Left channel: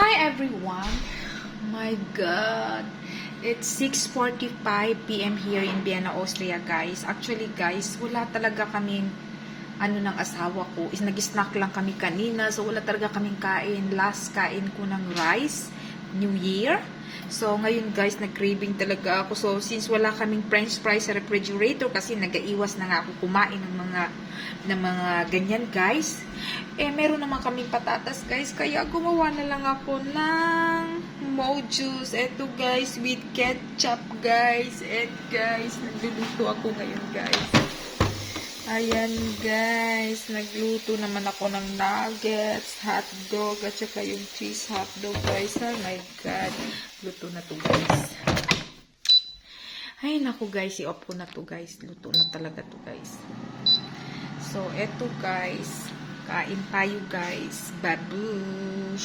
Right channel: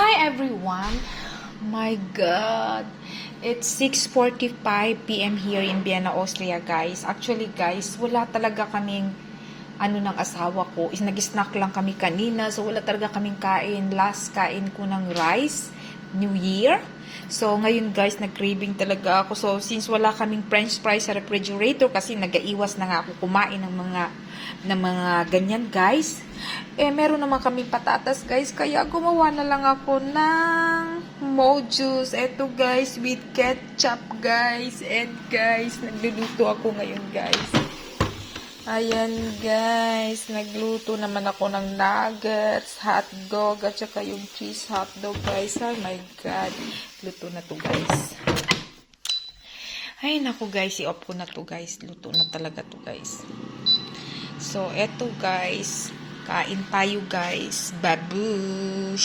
Hi everyone! My God! It's 6:45 p.m. here in Vienna, Austria, guys. Actually, guys, wala talaga kaming ng asawa ko. Nag-snack lang kami kanina, so wala talaga kaming kain. Last kain ko ng rice, New Year. So, ngayon guys, nag-craving talaga ako. So, since wala kaming french fries sa refrigerator, kasi nag-aiwas na nga ako kumain ng mga ganyan guys. Meron naman kaming patatas guys, kaya gumawa na lang ako ng mojus. Eto guys, with ketchup guys. And guys, nagluluto ako ngayon guys. Ayan guys, nagluto naman ako ng nuggets, hotdog, at saka yung cheese hotdog guys. Oh my God, luto na to guys. Ay naku guys, i-off ko na to guys. Luto na talaga to guys. So, eto guys, kain tayo guys. Babush!